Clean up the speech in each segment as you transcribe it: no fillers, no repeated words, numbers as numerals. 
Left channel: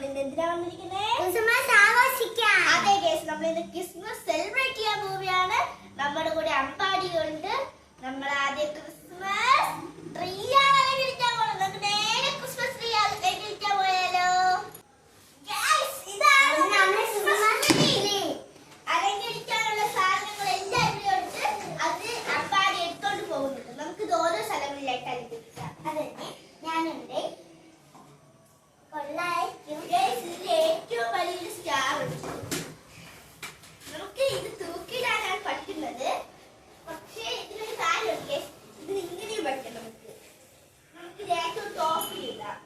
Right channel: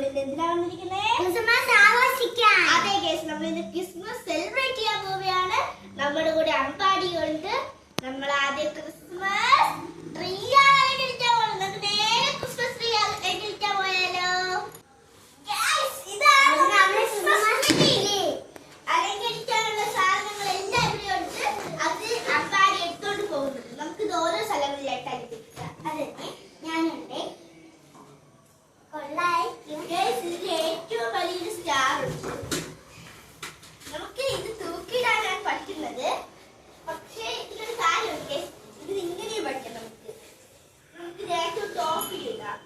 നമ്മൾ ഇന്ന് എന്തിനാ വന്നിരിക്കുന്നത്? ക്രിസ്മസ് ആഘോഷിക്കാൻ. അതെ ഗൈസ്, നമ്മൾ ഇന്ന് ക്രിസ്മസ് സെലിബ്രേറ്റ് ചെയ്യാൻ പോവുകയാണ്. നമ്മുടെ കൂടെ അമ്പാടിയുണ്ട്. നമ്മൾ ആദ്യം ക്രിസ്മസ് ട്രീ ആയിട്ടിരിക്കാൻ പോകുന്നത്. നമുക്ക് നേരെ ക്രിസ്മസ് ട്രീ ആയിട്ടിരിക്കാൻ പോയാലോ? ഇതാണ് നമ്മുടെ ക്രിസ്മസ് ട്രീ. അലങ്കരിക്കാനുള്ള സാധനങ്ങൾ എല്ലാം ഇവിടെ ഉണ്ട്. അത് അമ്പാടി എടുത്തോണ്ട് പോകുന്നുണ്ട്. നമുക്ക് ഇത് ഓരോ സ്ഥലങ്ങളിലായിട്ട് അലങ്കരിക്കാം. അതെ, ഞാനുണ്ട്. ഏറ്റവും വലിയൊരു സ്റ്റാർ ഉണ്ട്. നമുക്ക് ഇത് തൂക്കിയിടാനാണ് പറ്റുന്നത്. പക്ഷേ ഇതിനൊരു കാര്യമുണ്ട്, ഇത് ഇങ്ങനെയും പറ്റും. നമുക്ക് ഏറ്റവും ടോപ്പിലിടാം.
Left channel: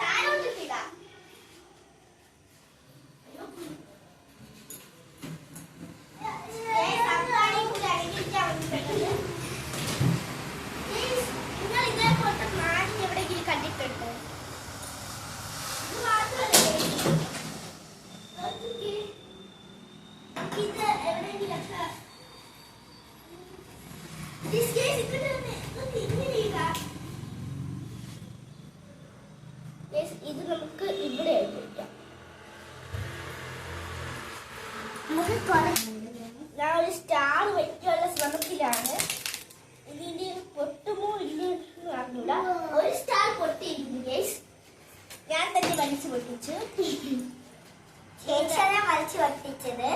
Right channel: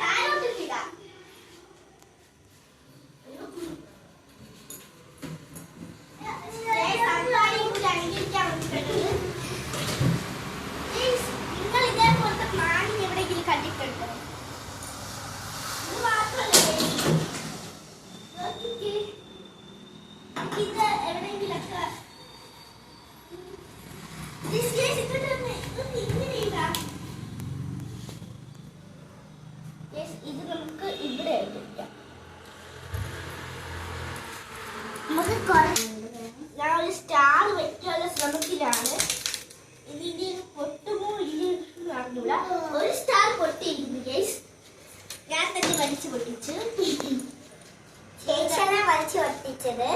താഴോട്ടിടാം. ഇത് നമുക്ക് ഇവിടെ വെക്കാം. ഞാൻ ഒരു സ്റ്റാർ വെക്കാനുള്ള ശ്രമത്തിലാണ്. ഇതിന് പൊട്ടുമോ ഇല്ലെന്ന് അറിഞ്ഞില്ല. ഒരു സ്റ്റാർ പൊട്ടിയിരിക്കുന്നു ഗൈസ്. ഞാൻ തന്നെ വലിച്ചു പൊട്ടിച്ചു. ചേച്ചിയാണ് വലിച്ചു പൊട്ടിച്ചത്.